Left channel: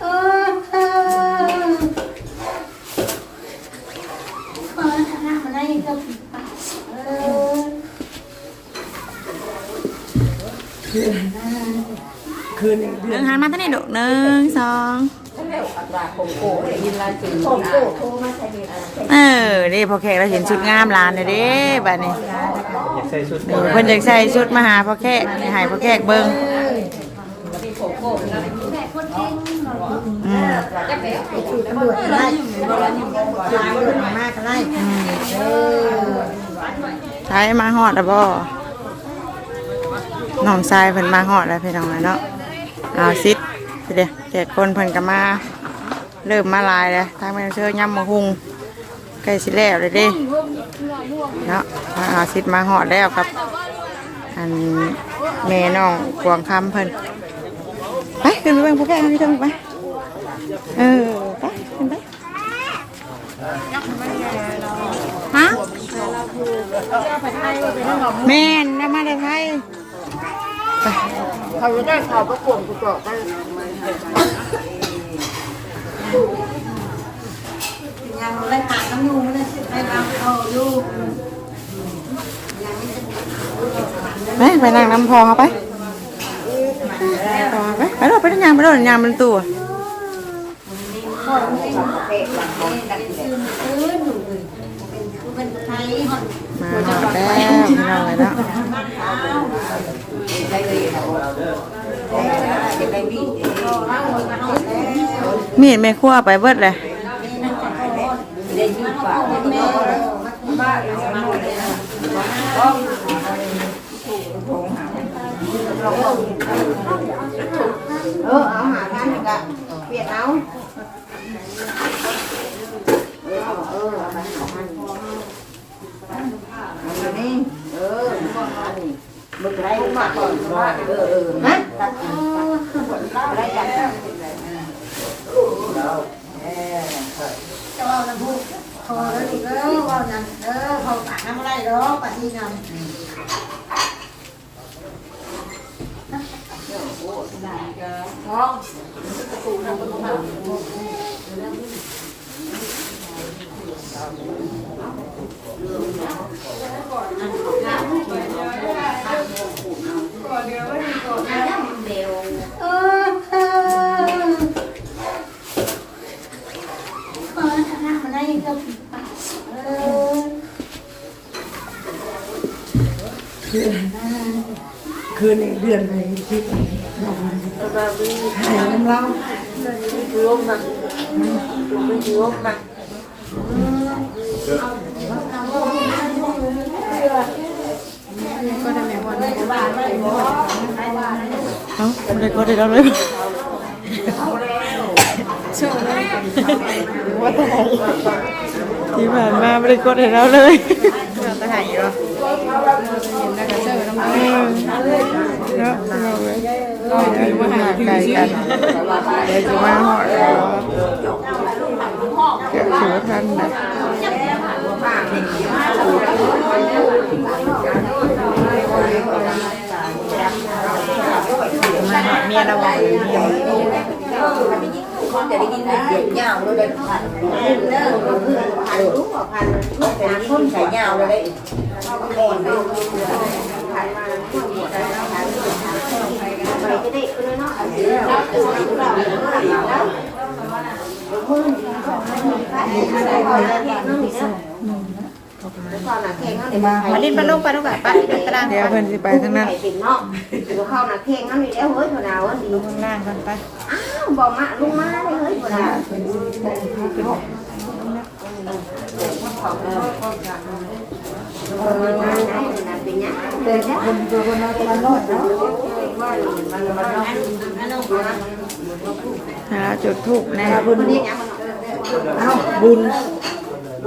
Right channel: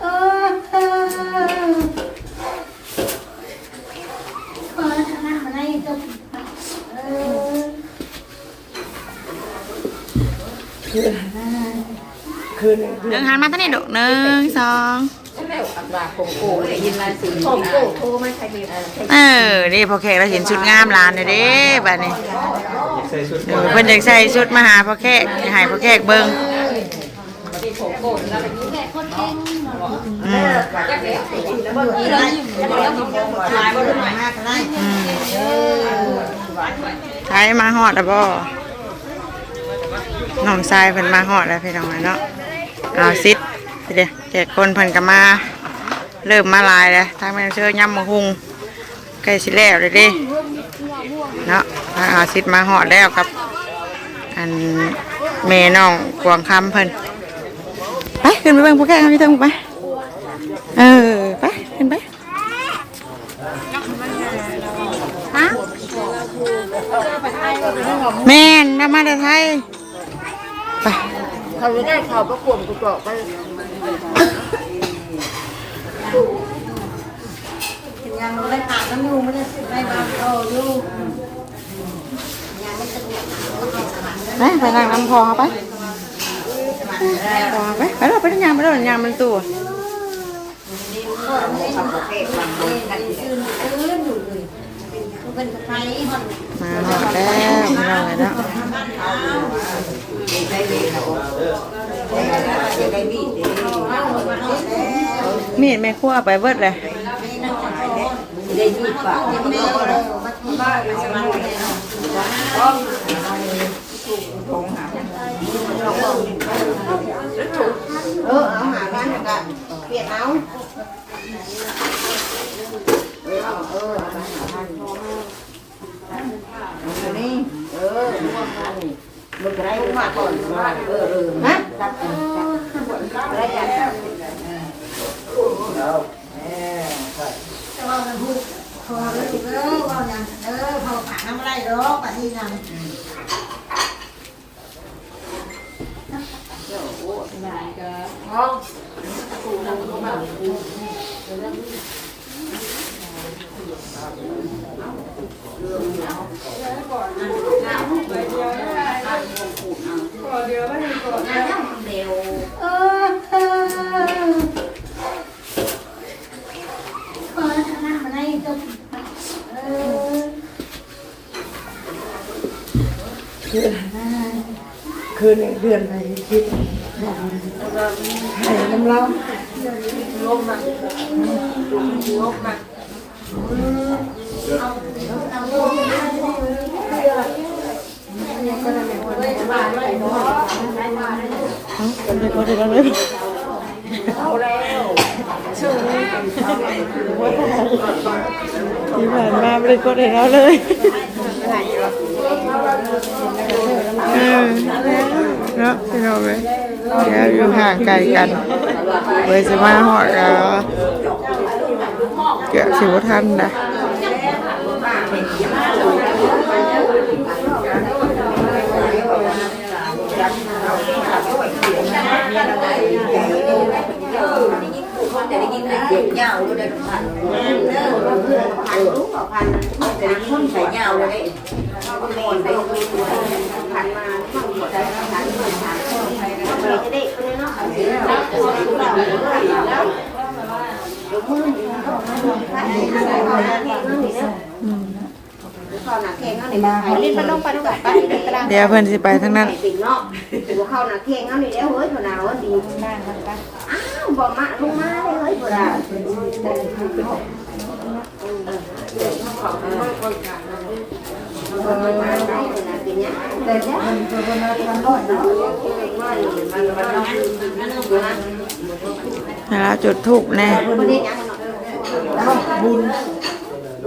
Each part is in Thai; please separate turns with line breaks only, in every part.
เออเออเปิดทางมาได้ก็เออ
หนึ่งหันมาตั้งแต่ดุหนึ่งสอง
ผมโกโทรมาใช้เด็ก
เออนี่พอแขกเราเห็นชุดงามร้านเลยเด้บัดนี้
ใส่ชุด
เออเพิ่นอยากใส่ชุดมาหาพ่อแขกให้ให้พ่อแขกเบิ่ง
แก่คนเก่งหน่อย
อืม
ตำรวจไล่มากไล่
อืมใช้มาฮอดอะบ่น้องชายเพิ่นมาฮอดแล้วพี่น้องเนาะเอาซิดเดี๋ยวแต่คนเพิ่นก็มาเริ่มมาหลายแล้วทางแม่นเชื่อยำมะฮุงใกล้สิแล้วเลยเด้ เนาะทางเอาซิดมาฮอดแล้วครับ อันแม่น้องกวางคำเพิ่นไปขึ้นไปเบิ่งพวกแกกันพี่เถิงไปเออไปขึ้นไปฮะแม่นนำมาเลยไทยไป
เขาจะได้เขาประกวดกูเจาะไปยังไม่ได้ผ่านน้ำยูไม่ ไป
ไปนั่งน้ำพองเขาไปพอไปไปเราไปนั่งยามไปเรายามมันตัว
เป็นไทยฮอน
มาหอดแล้วพี่น้องเลยเนาะมีดไม่คั่วไปเบิดเลย
ได้ยี่ปะแม่บ้านสมัครเลย
เออเอาหากันกะเปลี่ยนเอาเออเอาเออเอาไปหาพันเอาไปนี่เออเอาไปนี่มึงไรมึงมาก่อนเออเออฮะอะไรกัน
จะว่ามันพูดพอแล้วดูเออว่าอย่างเออพอปากน้ำไรดอกปากที่นั่น เออเออเปิดทางมาได้ก็เออ
คืนเดือนไปคิดให้น้ำเราลบมันลบมั น
เอ้าไม่ได้ก็ได้แล้วเลยที่ผ่านมาไม่ได้กดให้เราเลยเนาะพี่น้องเลยเดี๋ยวอยู่ห่างไกลกันเดี๋ยวจะมาหอดแล้วเกี่ยวสิวทันนะ
เมียเราไปจะได้ยินเสียงยาวเลยพันเด้อพันรู้ว่าพันสามคนใส่ยาวเลยเขาก็บอกไปพันมาข้างหัวใจพันสามคนไปจะได้คนเนาะเอาสิเราจะใส่เราพันแล้วมือพันใส่คอหน้าแข็งนั่นนี่เนาะคอหน้าแข็งนั่นนี่มาลิ้นมันลงไปด้วยกันไปกระดาน
เดี๋ยวเพิ่นสิไปทางนั้น
ติดเนาะดูเข้าหน้าแข็งนั่นนี่แล้วเฮ้ยเท่า nào á đi
หน้ามันไป
อ้าวบอกมาลงมาเลยเฮ้ยบ่ได้มันมาได้ขนาดเป็นยังเลยจ้ะมันมันร้อนเนาะมันมันร้อน
แล้วจุดทูบแน่
มันนี่ยังมันบุญมันนอนบอกไปมันนอนเด็กเลย
แล้วแห้งเด้อะอินบ่เห็นได้เนาะไปเบิ่งด้วยไปเบิ่งดูไปเบิ่งได้โอเคอืมให้พ่อแค่เบิ่งในชุดงามหน่อยไปไปให้พ่อแค่เบิ่งไปไปเบิ่งทางนี้ไปไปอ้อมมาทางนี้ไปไปอ้อมทางดุมเด้อไปยังยังยัง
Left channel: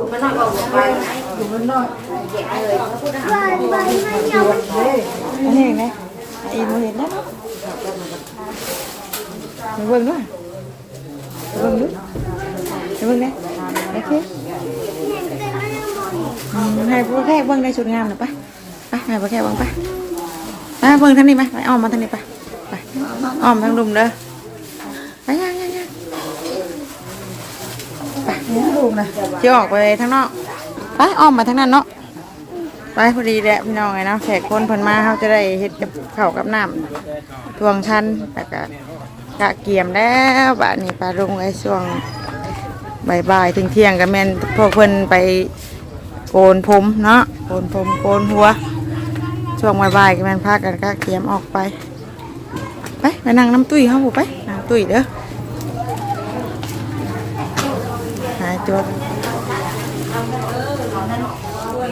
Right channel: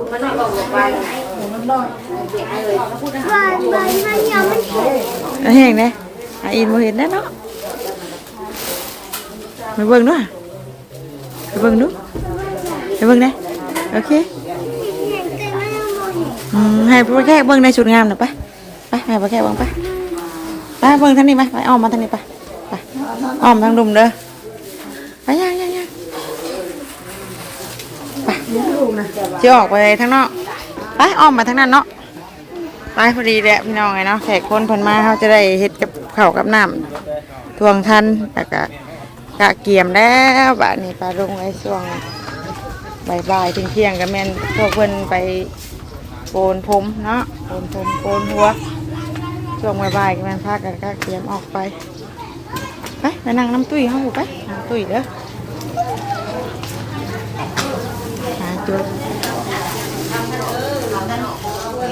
ไปจะออกไป nó hàng này, à, in một hình đấy đó, mày vâng nữa à? Mày vâng nữa
mày
vâng đây ok. Ừ, hai bác khác vâng đây chuột ngam nè ba. Ba hai bác khác vâng ba. Ba vâng thằng này ba. Phải om mà thằng này ba. Ba. Om thằng đùm đó ba nhanh nhanh nhanh
ba.
Chưa ở về thằng nọ. ไปอ้อมมาทางนั้นเนาะไปพอดีแหละพี่น้องไงเนาะแขกคนเพิ่นมาเขาจะได้เฮ็ดกับข้าวกับน้ำทวงทันแล้วก็กะเกียมแล้วบะนี้ปลาลงไว้ช่วงบ่ายๆถึงเที่ยงก็แม่นพวกเพิ่นไปโกนผมเนาะโกนผมโกนหัวช่วงบ่ายๆก็แม่นพากันก็เตรียมออกไปไปไปนั่งน้ำตุ้ยเขาบุไปน้ำตุ้ยเด้อหายจบดูว่า พี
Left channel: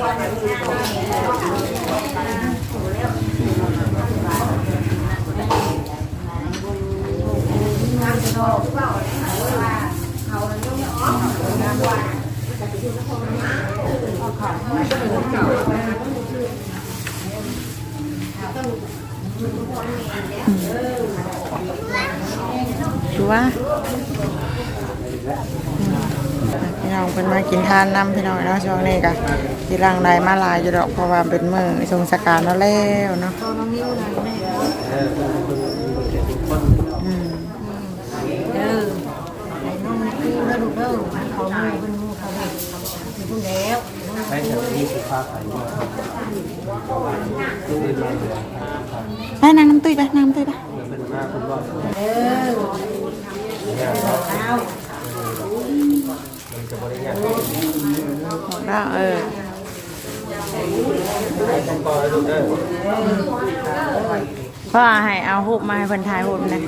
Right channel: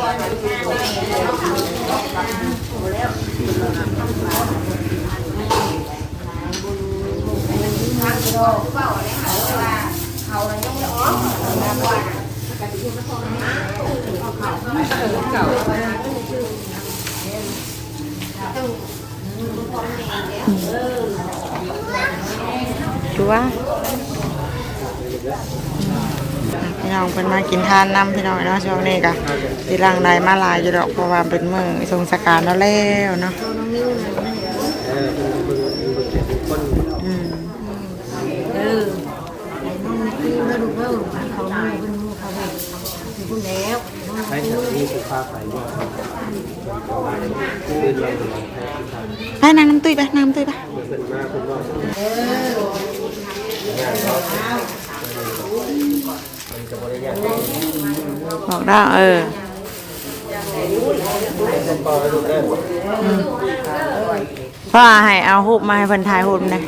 ่ น้องเพิ่นมากินทานน้ำพี่น้องเนาะช่วงนี้ก็สิรังใดมาหลายอยู่ดอกเพราะว่าเป็นมื้อสงสการแล้วแล้วเนาะอืม
ใช้สถานีสุภาพไปนี่
ไปนั่งน้ำตุ้ยไปนั่งน้ำตุ้ยไป
เป็นมาคุณว่า
บอกได้เออพ่อให้เอารูปมาให้พิ่นถ่ายรูปนะ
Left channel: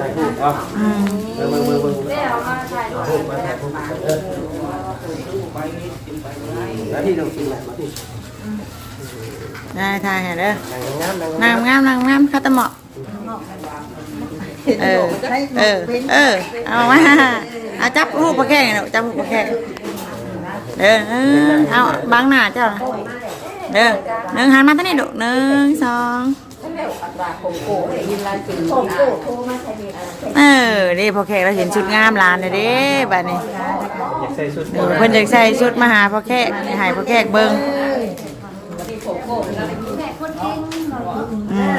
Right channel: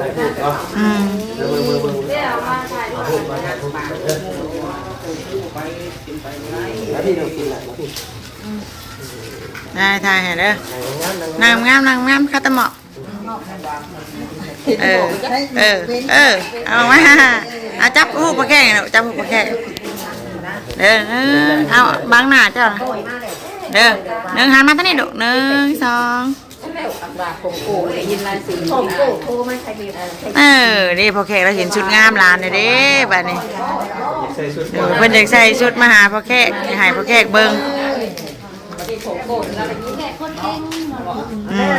ถ่ายรูปอะ
อืม
เอารูปมาถ่ายรูปเออแล้วที่เรากินแหละมาที่
ได้ถ่ายให้เด้อ
ถ่ายงามๆนา
งงามนางงามคาตะเหมาะเออ เออ เออ เอามา อาจับหูปลาแข้งเนาะจับหูปลาแข้งเด้อเออเอาบังหน้าเจ้านะเด้อหนึ่งหันมาทางนี้ดุหนึ่งสองเออนี่พอแขกเราเห็นชุดงามลานเลยเด้บัดนี้
ใส่ชุด
เออเพิ่นอยากใส่ชุดมาหาพอแขกให้พอแขกเบิ่งอืม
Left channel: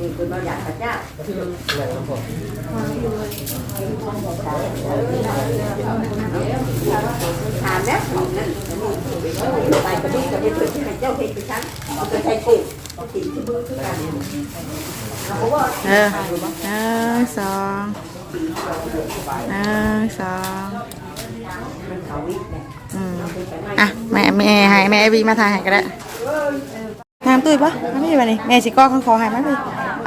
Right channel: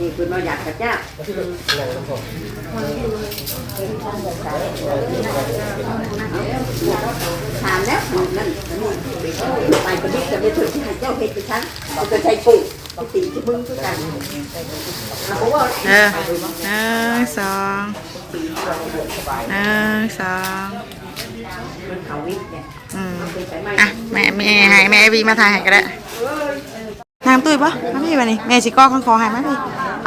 นี่คือเราอยากพระเจ้าถามแล้วนั่นนั่นไปกระดิกกระดิกเพื่อที่เจ้าเห็นที่ฉันเอาไปใช้ปุ๋ยเอาตีที่มึงทุกการ
เออหนึ่งสองหนึ่งสองอืมอะแม่แม่ให้แม่วีมาถ่ายให้ก็ได้นางตุ้ยปะมาพี่มานี่แม่สิก้อข้างคอให้มาพี่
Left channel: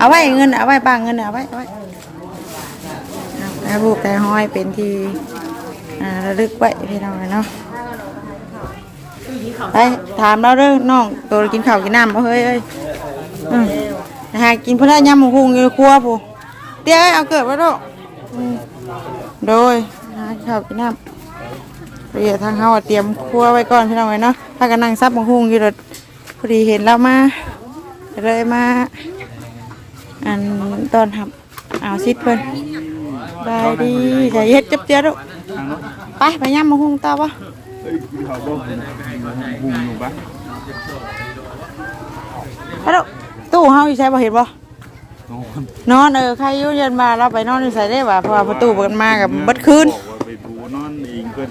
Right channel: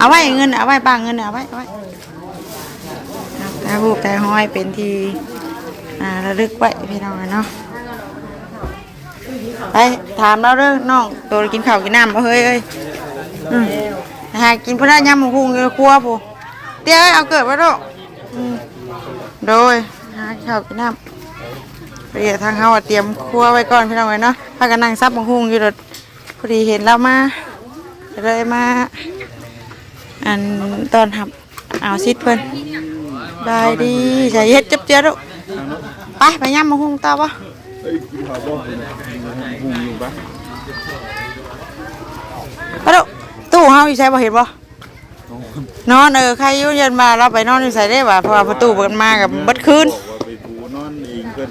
เอาไว้เงินเอาไว้ปังเงินเอาไว้เอาไว้แต่บุกแต่ห้อยเป็นที่อ่าระลึกไว้พี่น้องเนาะไปถามเราเรื่องน้องตัวกินข้าวกินน้ำบ่เฮ้ยเอ้ยอืมหากินพนักยำหมูหุงอยู่ครัวผู้เดี๋ยเอาเกิดไว้ด้วยอืมโดยหาข้าวกินน้ำเดี๋ยวทางเฮาเตรียมครัวไว้ก่อนพี่น้องเนาะพากันนั่งซับหมูหุงอยู่รถพอดีเห็นเรามากเลยมา อันตอนหับเอาซิดเพิ่นบายดีใส่เฮ็ดจับเจ้าลูกไปไปยำหมูหุงต่อปะ
เอ้ยกินข้าวบ่หุงอยู่ปะ
ไปลูกตู้เฮาอยู่ใช่บ่เห็นบ่นอนเออใครอยู่เย็นมาเราไปนอนอยู่ใส่ได้บ่เพราะว่าประตูเปิดมากับเบิดคืน
บอกว่าไปดูนอนเองเพิ่น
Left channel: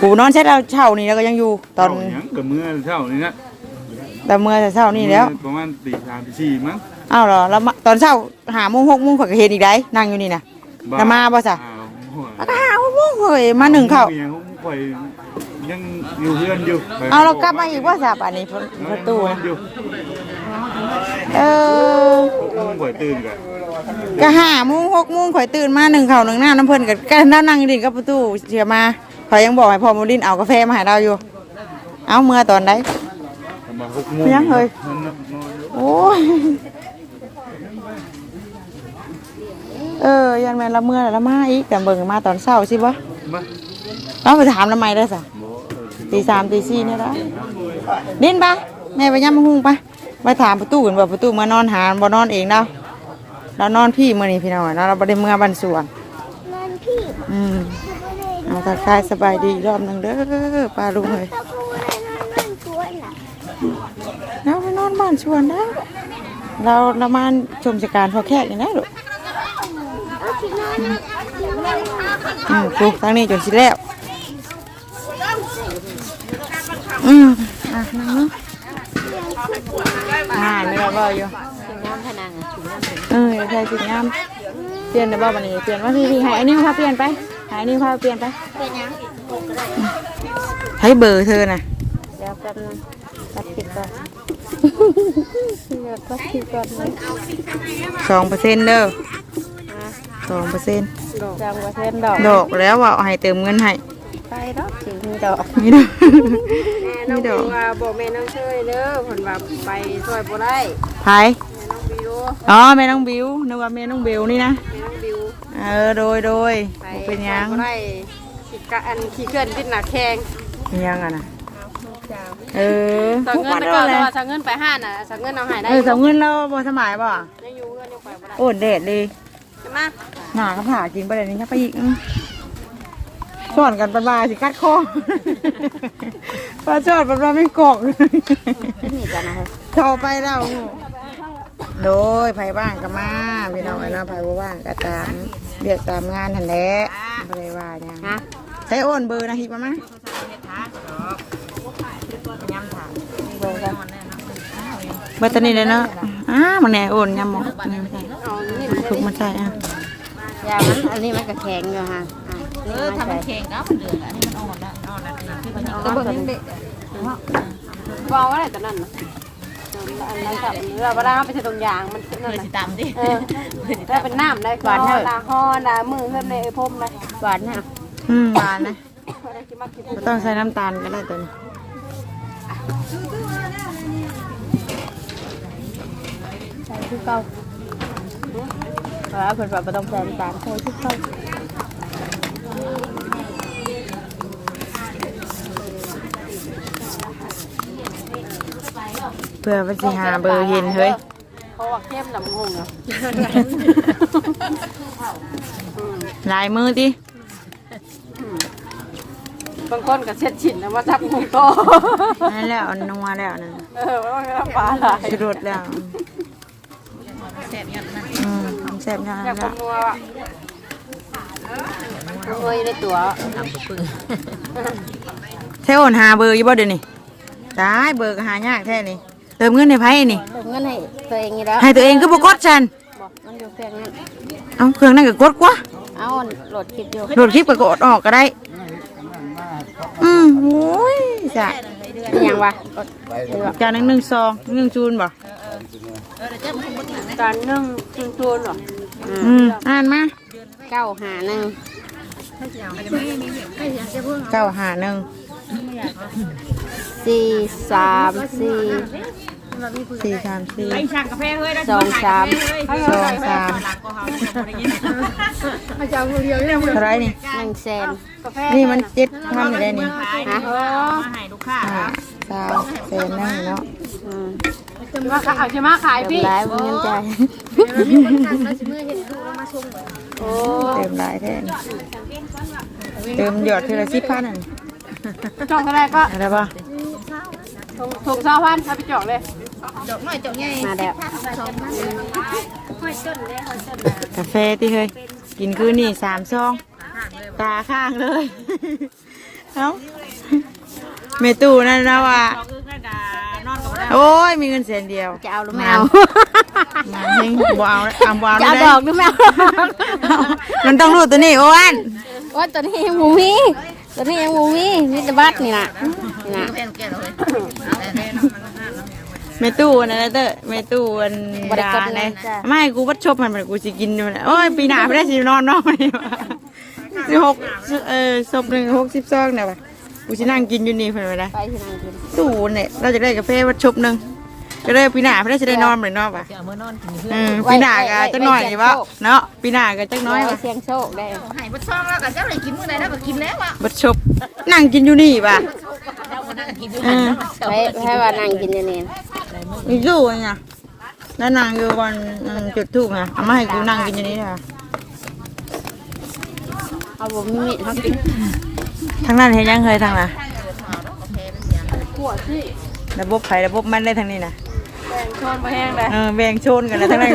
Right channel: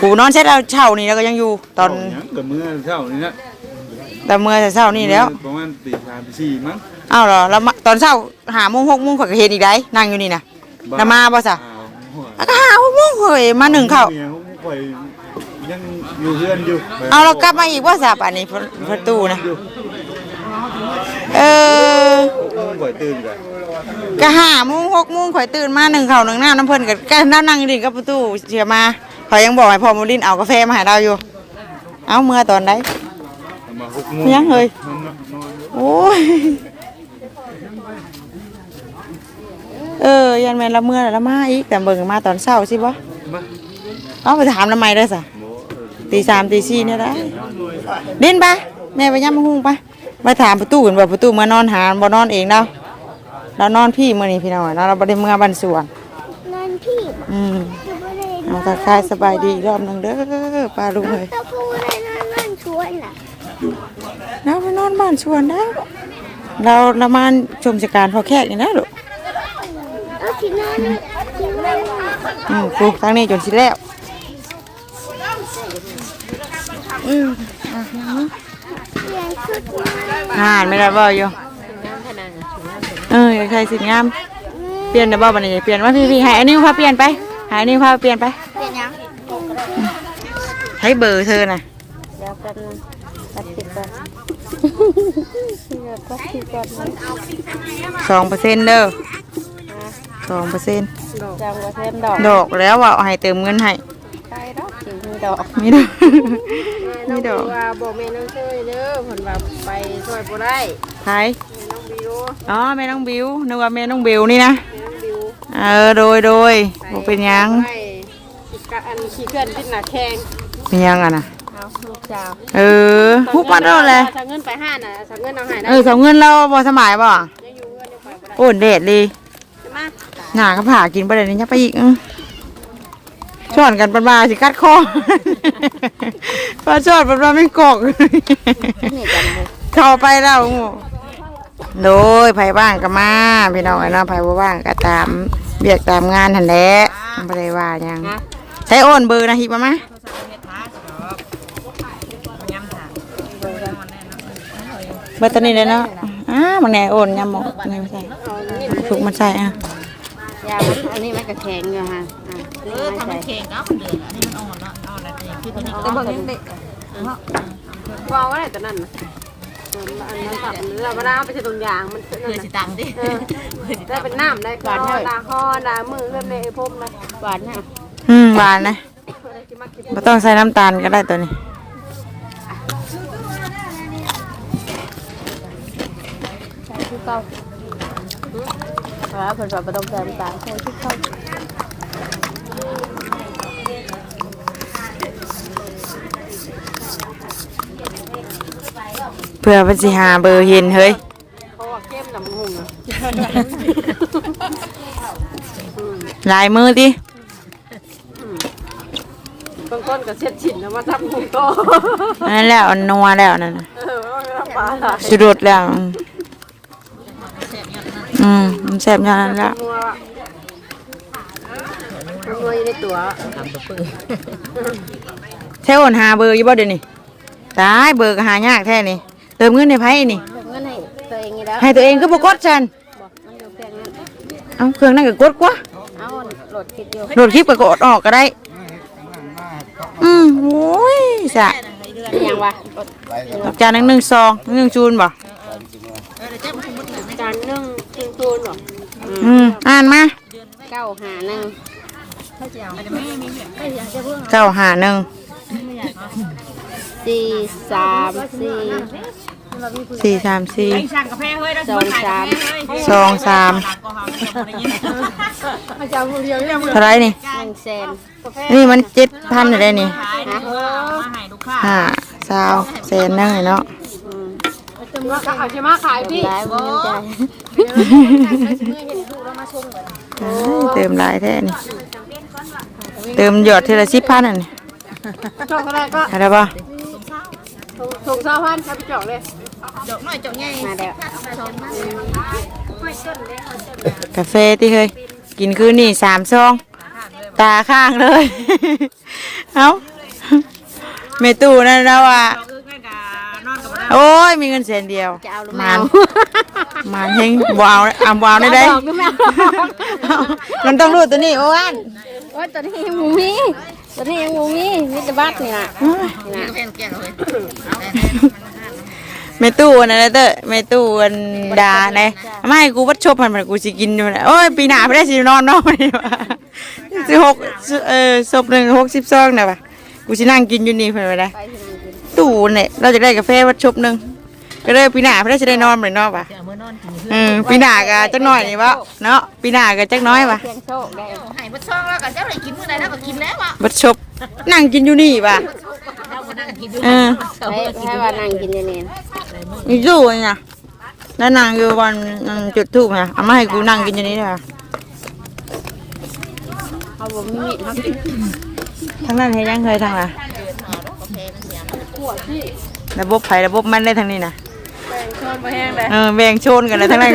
ปูนอนเช็ดเราเช่านี่แล้วก็ยังอยู่ตอน
เาหยังกับมื้อเช้านี่นะ
แต่เมื่อแต่เช้านี่แล้ว
ประมาณตีสามตีสี่มั้ง
อ้าวเหรอแล้วมาตอนเช้าหาโมงหกโมงข่อยก็เห็นอีกได้นั่งอยู่นี่นะแล้วมาบ่ซะ
อ้าวหัว
แล้วก็หาหกโมงเฮ้ยมาหนึ่งเข้า
มียของข่อยยังอยู่เพื่อนอยู่
เอาเรากลับมาอีกว่าสับอันนี้ประประตูนะ
อยู่
เออ
ข่อยตื่นก่อน
ก็ห้าโมงหกโมงข่อยตื่นมาหนึ่งเข่าหนึ่งหน้าน้ำเพิ่นกับกันนั่งนั่งดิ่งกับประตูเสียมาข่อยยังบอกให้พ่อโมลินเอากาแฟมาให้เราอยู่ เอาเมื่อตอนไหน
มาหกโมง
ยังเลย
นอนนอน
โอ้ย เออยันแม่นละเมื่อละมาอีกแต่เบิ่งมาตอนเช้าสิบ่
บ่
ต้องไปถามทำไมเด้อสะ
บ่เออ
ตีสามตีสี่เนี่ยได้เด่นปะแม่ไปย่ำมะฮุงปะมาถามประตูกันว่าประตูมานอนหาบ่นอนเองเนาะเรานอนพี่มื้อนี้พี่น้องเนาะเราบ่ได้เมื่อบ้านสวน
นอนพี่
อืมเอาทักทายสบายดีอีกรอบหนึงเด้อป้าลุงเลย
ตะปูในนอนนอนช่วยน่ะ
เราไปนอนบ้านสวนได้เราเรามาชมสการพอแขกอย่างนั้นลูก
เอาที่นอนนะที่นอน
อืมปลูกทางนี้จนสิแล้ว อืมอะนั่งเนาะอ่านไม่ได้บ่อยู่เอออยากใช้สิงาม เปลี่ยนได้บ่บัดนี้เปลี่ยนว่าพี่พี่ให้อันนี้พาเปลี่ยนไปให้อันนี้พาเปลี่ยนไปให้เบอร์เธอน่ะ
เดี๋ยวแป๊บนึงตัดคลิปก่อนอยากตัดคลิปก่อนไหม
สองเปอร์เซ็นต์เด้อ สองเปอร์เซ็นต์
จังว่าเพื่อนดอก
ดอกแล้วว่าเอาให้เติมเงินให้
ไปดอกสิมีดอก
มีดอกมีดอก
ว่าบอกแม่น้องช่วยเด้อเพิ่นว่าไปช่วยบ่ได้
ไผ
แม่น้องบิว
อ๋อแม่น้องบิวนึกว่าแม่น้องบิวนี่นะ
แม่น้องบิว
เออโดยโดยบ่เป็นหยัง
บ่ได้ขี้กะอันขี้เกินกินหน้าแข้ง
เป็นหยังอะนะ
เอาลูกจ้า
เออผู้ปัดเอาเลย
สั่งเงินไปห้าน่ะสั่งเงินเอาให้ได้
เออสำเงินเราบ่สมัยบ่
ยังอยู่เงินยังไปบ่ได้
โอ้เด็ดดี
ใช่ไหม
หนาก็ผ่ากินไปเลยนี่จะไปอีกอื้อช่อนกันเป็นมาสิกัดคอปลาช่อนเป็นมาไม่กอก
นี่กันนะเฮ้ย
เข้าไปแล้วงูโดยไผบ้างก็มาพี่น้องไอ้น้องไผบ่ว่างก็ตามเบียกตามงานหันแหละบ่ได้ว่าหยังใช้โอนเบอร์นะฮิปมามาเบอร์ตัวนี้เลยเนาะอ้ามันแน่โอนยำหมกนี่มันใส่ถูกมันใส่อะ
ยามันอันนี้มันก็แข็งอยู่ฮะ
เออทำมันแข็งก็มันเดือดให้มันอ่อนละอ่อนละนะที่มันอ่อน
วางไว้แต่นั่นน่ะอันนี้ฝักเนื้อเวลาเอาไปใส่ตรงยางมัน
เคยสิตามดิ
เออได้เป็นน้ำได้ก่อนเท่านาห่อนามือเริ่มในพมเลยหวานเนี่ย
อืมหวานนะ
อะไรกินมากิน
ไม่ต้องใส่น้ำตาลก็ได้ตัวนี้
ใส่ที่เก่า แล้วเพิ่นบอกบ่ต้องใส่น้ำตาลใส่ที่เก่า
เพื่อเป็นสิหาเบอร์เห็นเฮ้ย
เขาบอกเข้มน้ำหูอะ
ลายมือดิ
บางคนก็เช็ดฉินแล้วมาทับหูก็
นั่นแล้วอันนัวแล้วนั่นน่ะ
เออมันก็น้ำปลาไหล
สุดดแล้ว อืมอืมมันแซ่บอย่างนั้นแล้ว
งัวอะงัวอยู่ในตัว
ใช่โอนหาเบอร์อยู่บ่เดี๋ยวนี้ตายเบอร์ก็หายากแท้นี่เติมเงินในไพ่นี่
เงินให้ตัวเองนี่แล้ว
ให้ตัวเองก็บ่กดฉัน
บอกมันอยู่เพียงนั้น
เอาเครื่องนั่นก็กดกว่า
เอาโหลดคลิปอยู่
โหลดคลิปก็กดออกก็ได้ อืมโอ้ยสะ
ยังวะ
จานหนึ่งหนึ่งซองหนึ่งจูนบ่
จานหนึ่งครึ่งตัวหรอ
อืมอ่านมา
เก้าหาหนึ่ง
เก้าหาหนึ่ง
สี่สามสี่
สี่สามสี่
สั่งกาแฟเฮ้ยได้
สองสาม
สองสามเท่าไรนี่
หนึ่งแสน
นี่มันเจ็ดพันอยู่ได้นี่
ขายนะมาให้ลูกค้า
ห้าสาวแสนหนึงเลยเนาะ
ว่าเอาชิมาขายพี่
เติมหลายแท้นี่เติมหยอดทีละสิบพันอะนี่
จอกอะไรก็
อะไรป่ะ
ถูกเช้าพันให้ไปจอกเลย
จบหน่อยจบไง
มาแล้ว
กาแฟที่เคยกินคืนนี่สามซอง ตาข้างเลย เอ้าเมตู้นั่นนะว่า
เราอึ้งกันกะนอนกับเรา
โอ้ยมีเงินแสนเดียว
จะเอาหรือ
มั
ไม่
น
เอา
มันเฮงบวาวอ่ำบวาวได้ได้
ดอกหรือไม่เอา
เอามันต้องรู้ตัวนี้อ้วน
ว่าตัวนี้ยังหมูมีตัวนี้ยังหมูมีมีแต่บัตรนี่นะนี่นะ
เพื่อนแก่เลย
เมตู้อันนั่นเด้อเมตู้อันดาไหนไม่กูวัดชบมันมันกูสิกินอยู่นะโอ้ยปีหน้าไม่ได้สินอนนอนสิหกเออศพหนึ่งหกสิบซองนะปะกูสินั่งกินอยู่นี่เพิ่นไปได้
ไปที่นั่นกิน
ตู้เนี่ยเราจะได้กาแฟวัดชบหนึ่งก็เลยปีหน้าเพิ่นจะได้นอนเหมือนนอนป่ะ
เอามื่อนอนกิน
เออปีหน้าก็จักหน่อยนี่บ่เนาะปีหน้าก็จักน้อยป่ะ
เสียงโชคได้
ให้บ่ช่องแล้วก็เจ้าเลยกินมื้อใดแล้วก็กินแล้วอะ
บัดชบนั่งกินอยู่นี่ป่ะ
เราบ่ได้กินอยู่
เออ
ให้ให้ว่านั่งกินนี่นี่
อีกอยู่ไงแล้วนางอยู่บนนางจุดทูบไงเอามาให้กูนั่งกินอยู่นี่เด้อ
เอาบ่มีมีดเฮากิน
ทางนั้นเฮ็ดยังเคยทางน่ะ
ขวดสิ
ระบบไผระบบมันได้ทางนี้น่ะ
แป้งช้อนบ่แห้งเลย
เออแบ่งโซนกันเลยทั้งนั้น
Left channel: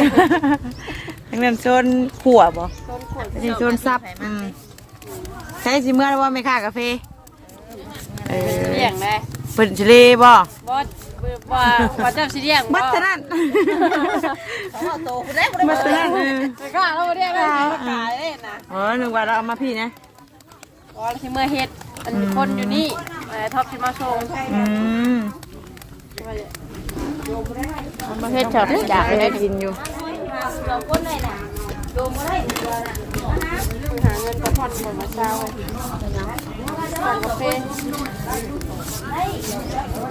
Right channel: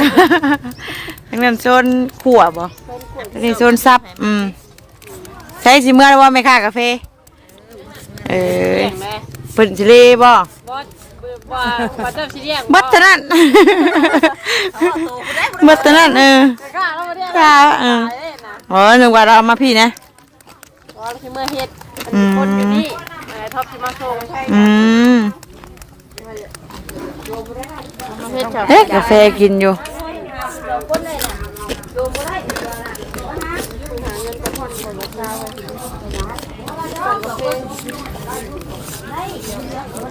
ทั้งนั้นโซนขัวบ่นี่โซนซับอืมใช้สิเมื่อว่าไม่ค่ากาแฟเออเพิ่นสิเลบ่
ว่าว่าเจ้าสิเรียก
บัดเท่านั้น
โตกูได้บ่
บัดเท่านั้นเออก
ล้าเราเรียก
ค่ะเอออ๋อนึกว่าเราเอามาพี่นะ
ว่าสิมาเฮ็ดอันคนอยู่นี่แต่ ท็อปสิมาส่ง
อืม
เฮ็ดจ้ะ
เอ๊ะกาแฟกินอยู่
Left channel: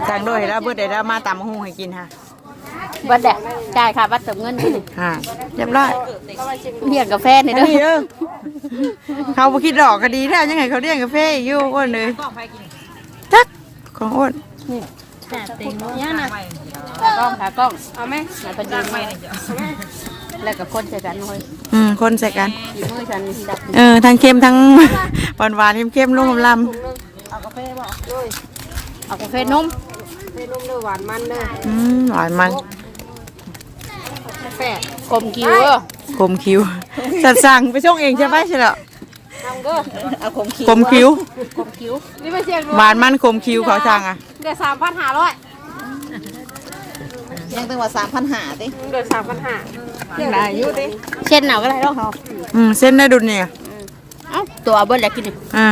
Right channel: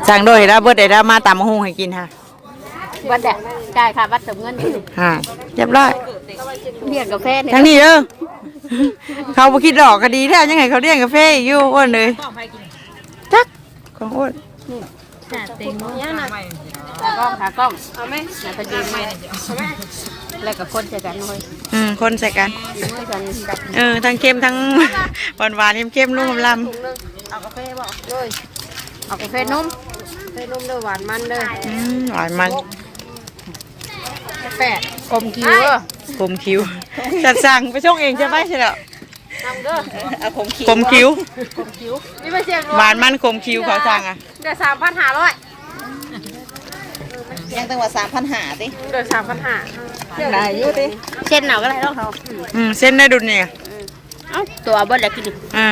สั่งโดยเห็นแล้วเบิดได้แล้วมาตามมาหุงให้กินค่ะ
บัดแดกจ่ายค่ะบัดเติมเงิน
อ่าเรียบร้อย
เรียกกาแฟนี่
ทั้งนี้เด้อเขาบ่คิดดอกก็ดีแล้วยังไงเขาเรียกกาแฟอีกอยู่อ้วนเลยจัก ของอ้วน
เต็มบ่ยังไม่
กล้องขากล้องเอาไหมแล้วก็ดีไม่แล้วก็คนใจกันเฮ้ย
อืมคนใส่กัน
ดีมือฉันดับ
เออทั้งเค็มทั้งหวานหวานๆเค็มๆนุ่มล
เอากาแฟบ่เลยเอากาแฟนมกาแฟนมเด้อหวานมันเด้อำ
อืมหวานมัน
แปะอมคิวเด้อ
ขมคิ้วจัดสั่งไปช่องเองใช่ไหมใช่เหรอ
เอาขม คิว
ขมคิ้ว
ขมคิวนี่ไม่ใช่
หวานมันขมคิ้วเขาสั่งอะ
เดือดสามพันห้าร้อย
ยังตั้งว่า3,500ติ
เดือดสามพันห้าหลายเยอะดิเช่นหนาวก็ได้ต้องเอา
อืมเส้นได้ดุนเนี่ย
เอ้าตัวเบิ้ลแล้วกินดิ
อ่า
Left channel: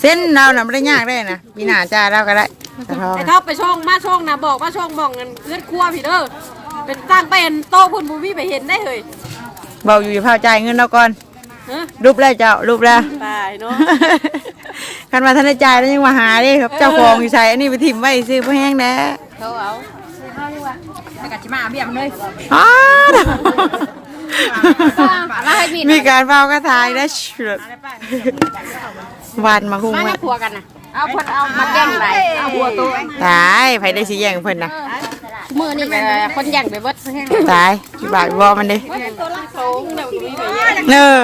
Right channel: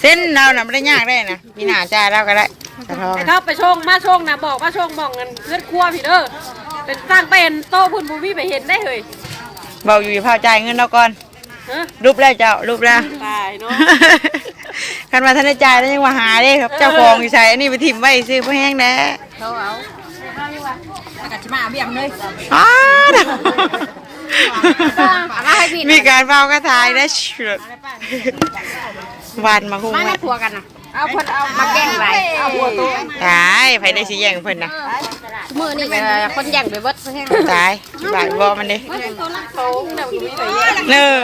เส้นเราน่ะไม่ได้ยากได้นะพี่หนาจ้าเราก็ได้แต่ทอง
ไอ้ท็อปไปชงมาชงนะบอกมาชงบอกเงินเลือดครัวพี่เด้อเป็นตั้งเป็นโต๊ะคุณบูมี่ไปเห็นได้เลย
เบาอยู่อย่าพาจ่ายเงินเราก่อน
ฮะ
รูปแล้วเจ้ารูปแล้ว
ตายเนาะ
คันมาท่านได้จ่ายแล้วยังมาหาเด้ครับ เจ้าของอยู่ใส่อันนี้ไปถิ่มไว้ซื้อเพื่อแห้งแน่
แล้วก็สิมาเบี้ยมันเลย
อ้าวมีการเฝ้ากระทายได้เฉดวันมาคุ้ง
มา
ไว้
ครัวกันนะเอาเพิ่นเอามาแกล้งไรเอาหัวตัว
ตายไผได้สิแย่งเพิ่นนะ
มือนี่ก็คนแย่งไปเบิดแห้ง
ตายสิบาทบ่มันดิเนอ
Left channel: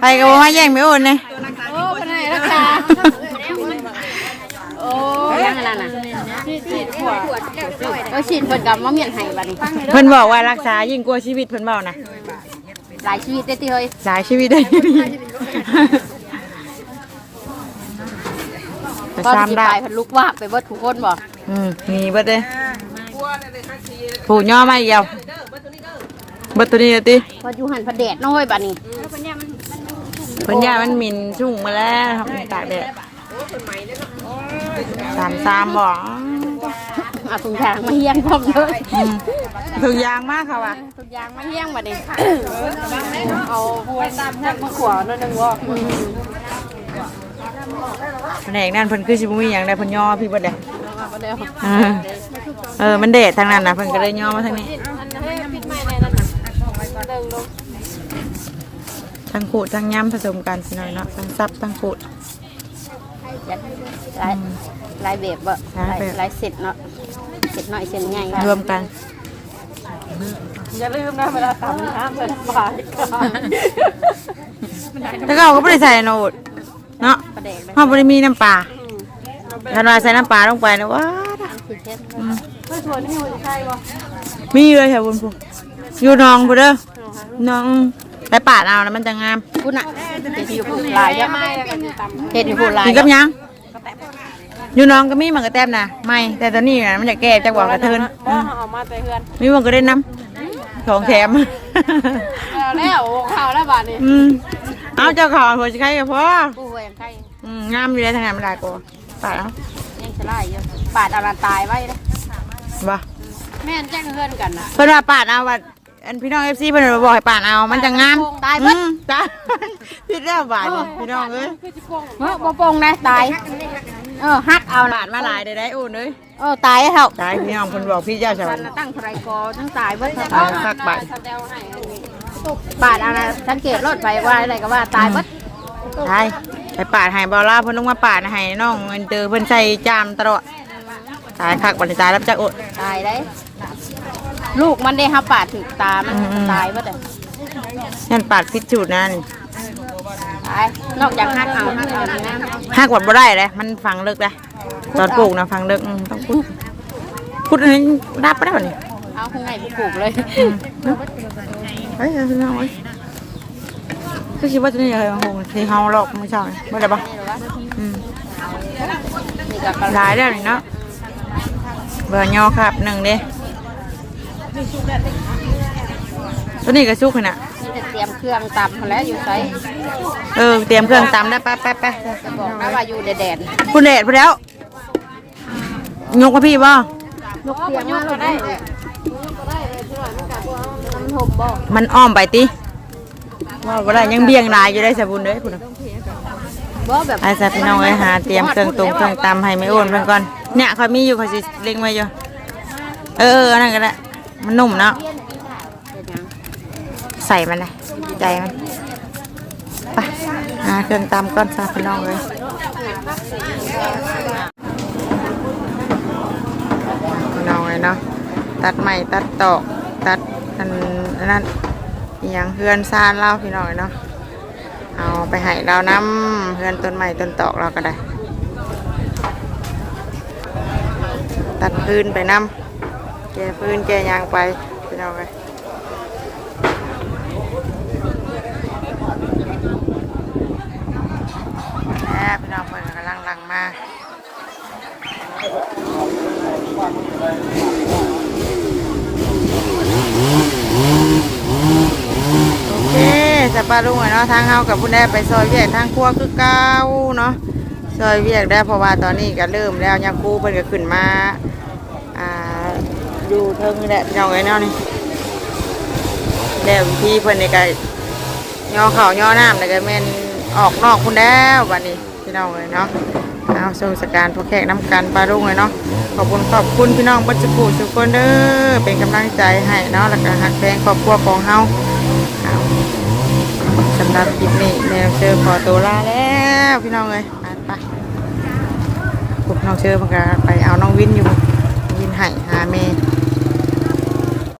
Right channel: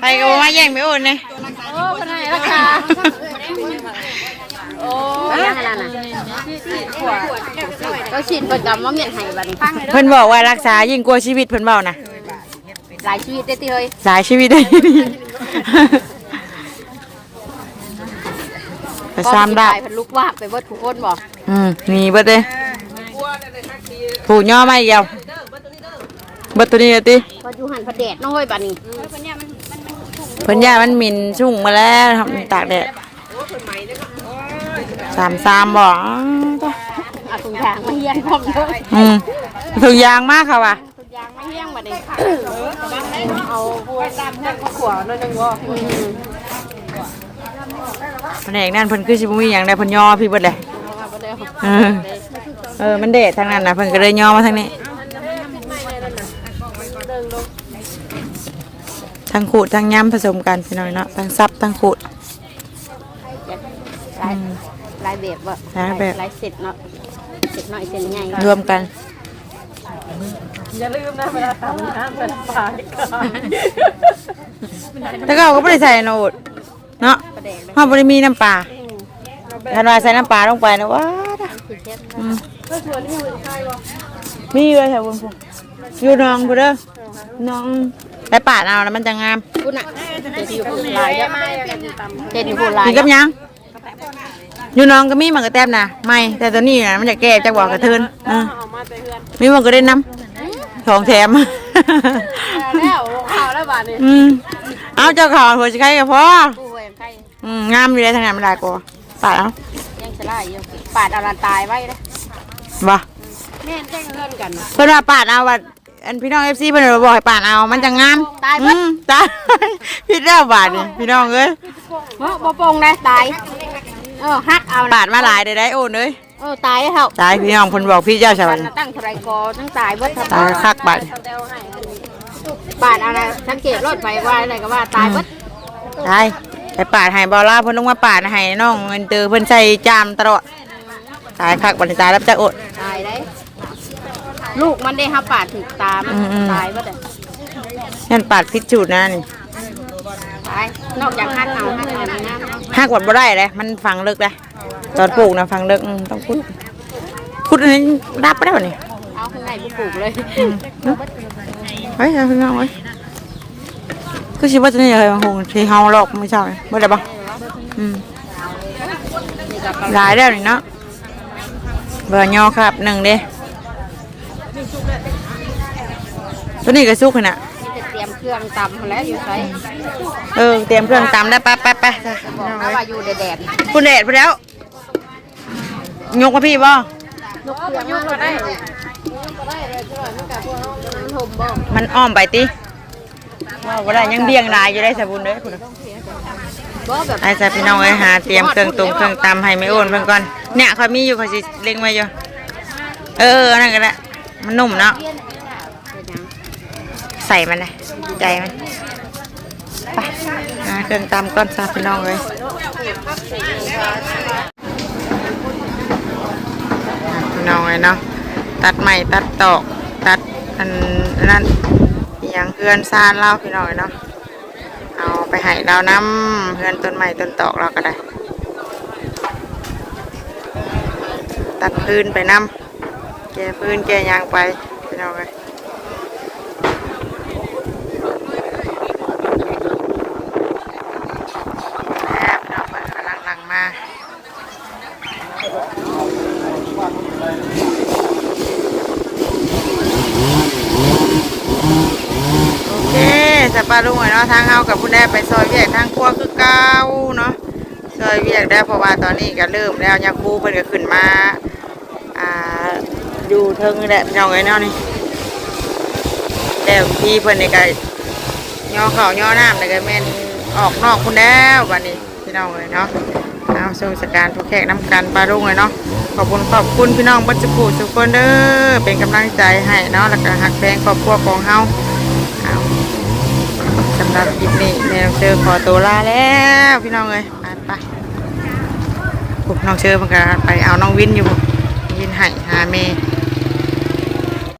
ไปก็บ่มาแย่งไม่โอนเลย
โอ้ยยังไงล่ะน่ะเอาฉีดเพิ่นกับมาเมียนให้บัดนี้
เพิ่นบอกว่ารักษายิ่งกว่าชีวิตเพิ่นเว้านะ
หลายชีวิตได้อติเฮ้ย
หลายชีวิตได้ไปซ้ำได้
เพิ่นลุกว่าไปเบิดทุกคนบ่
อืมมีเบิดเลย ผูย่อมาอีกแล้วเบิดตัวนี้เลยติ
เพิ่นอยู่หันพระแดดเนาะเฮ้ยบัดนี้
เพิ่นย่ามันหมินชุ่งมาแล้วครับมันตากแดดสามสามบอก
เอาถุงยางมาเฮียงพร้อมเลย
อืมถุงยางมากค่ะว่ะ
ถุงยางมาเฮียงบัดนี้
เอาไปตามช่างมาขวนั่นนึงว่า
แผนกนั่นเพิ่นคือสิบ่มีหยังได้เพิ่นย่อพี่เบิดเลยเออเออ มันเดดทางนั้นน่ะเพิ่นก็เลยย่อมาทางนี้ทั้งขูดทั้งย้ำผสมกันพี่น้อยเนาะทั้งซับทั้งขูด
ลายลายแบบบ่
ลายแบบ
ลายเสร็จเนาะเสร็จน้อยเสร็จใหญ่
รวมกัน
อย่าลืมนะเวลาทำน้ำเป็นฝาย
แล้วก็เราก็ไม่ได้ใส่โนดเนาะ
ประแดกเลย
ห้องบริมีน้ำปลา คันว่าใส่น้ำปลาลงไปนะว้าดอะอืมมีเลยค่ะคุณครูอยู่หน้องพูเด้อน้องไปปาดเอาแล้วมันจะงาม
คุณน่ะเห็นอยู่ผู้ลายเนี่ยเห็นอยู่ผู้ลาย
กินกับหยังอยู่หน้องก็มีหมันกระแตบนะไม่แต่ตอนนี้น่ะมันจะแก่จะบอกกระเทินอืม
เอามาแต่เฮือน
มีหมันก็ได้น้ำของแถม
แล้วข่าวแล้วบ้านี้
อืมเอาเจ้าของหัวจะใครกับพ่อ
ผู้ไว้ยังใกล้
อืมงามอยู่เลยทางนั้นมันได้กว่า ปาดเอา
ยังสลายอยู่ปาดเอาลานตายไว้เลย
บ่
แม่นแจ้งเฮือนกันนะ
เพิ่นว่าปาดเอาว่าอันพี่น้องเอฟซีเพิ่นบอกให้ปาดเอามันจะงาม
ตาย
อื
เบิด
มตายพี่เจ้าบาดนี่พี่น้องเอ้ย
เฮ้ยบ่โปงเลยตายเออฮักเอา
บาดมาหลายได้ได้โอนเอ้ย
เออตายแล้ว
ตายพี่น้องเพิ่นบอกพี่เจ้าชาว
วั
บ้านน
น่ะตั้งเท่าไรกอตั้งตายเบิดทั้ง
ตายคักบัด
บาทอะไรสังเกตรถไฟว่าอะไรก็ว่าตายเบิด
ตายไปปาดให้บ่ล่าเพิ่นลงมาปาดให้น้องเงินเตอเพิ่นใส่จามตลอดตายคักบัดนี้ตายแล้วจักอด
ตายได้ลูกมันได้ฮับปาดถึงตามัน
อืมๆ
ตายเบิดเลย
นั่นปาดพิษจูดนะนี่
ตายนอกจากหักเอาหักเอานี่นะ
หักวัดบ่ได้เลยมันฟังเลิกเลยตอนปลูกนะฟังเลิกอืมต้องคุดคุดอันนี้ดับไปได้ป่ะนี่
เอาข้างในไปปลูกเลย
เฮ้ยเอาขึ้นมาเว้ย คือชิว่าจะนี่เลยบางคนที่เฮาหลอกไม่ใช่เมื่อไรบ้างอืมหลายแล้วนี่เนาะเบอร์ยอครับหนึ่งเด้ตัวนี้ก็สุกขนาด
มีแต่เตรียมเครื่องตำแล้วอยู่ใส่
เออเตรียมเครื่องตำได้ไปไปไปจ้ะ
เพราะว่าอยู่แดด
คุณเดชไปแล้ว ยกมาพี่บ่
ๆลูกเครื่องมาเลยได้มันห่มบ่
มันอ้อมไปติ ว่าบ่ได้ยังเบี่ยงหลายอยู่ได้สบุญเด้พุ่น
บ่แบบ
ไอ้จ้ะพี่น้องเอ้ยหาเตรียมเครื่องตรงเครื่องตำให้ไม่โอนเพิ่นก่อนเนี่ยเขามีอยู่เขาสิเล็งไว้อยู่เออเอออันนั่นก็ได้มันนุ่มเนาะใส่มันเลยใจมันไปหาเครื่องตำก่อนจ้ะพี่น้องเอ้ยพี่น้องเอ้ยเนาะตัดใหม่ตัดตอกตัดอันนั้น ยังเพื่อนซานเล่าพี่น้องเอ้ยเนาะเอาไปให้เราน้ำเพื่อนต้นใหม่ต้นตอกเราก็ได้ ตัดพื้นไปน้ำแกพื้นแกยางไปพี่น้อยไปแล้วพี่น้องเพิ่นกำลังหลังมา โอเค จะปลาลุงหน่อยเนาะทางเฮากับคุณแม่ไปซอยเวียกทางครัวคือเก้าเนาะซอยเวียกได้เพราะว่าตอนนี้ก็เริ่มแล้วยาคูเพิ่นก็ขึ้นมาอ่าอยู่เทิงแหละพี่น้องเอ้ยเนาะนี่แล้วพี่เพิ่นนี่ก็ย่อเข่าย่อน้ำแล้วก็แม่นออกนอกคุณแล้ววันนี้พี่น้องเอ้ยเนาะเอาสู่สการทุกแขกน้ำกันปลาลุงเลยเนาะขอบคุณขอบคุณพี่น้องบัจจุกุทุกคนเด้อเป็นกำลังใจให้เนาะแล้วก็หักแพงครอบครัวของเฮา สำหรับคลิปนี้แนวเจอขอตัวลาแล้วพี่น้องเลยไปไปพวกน้องเชอมันก็ไปเอาน้องวินอยู่วินไห่หาเมย์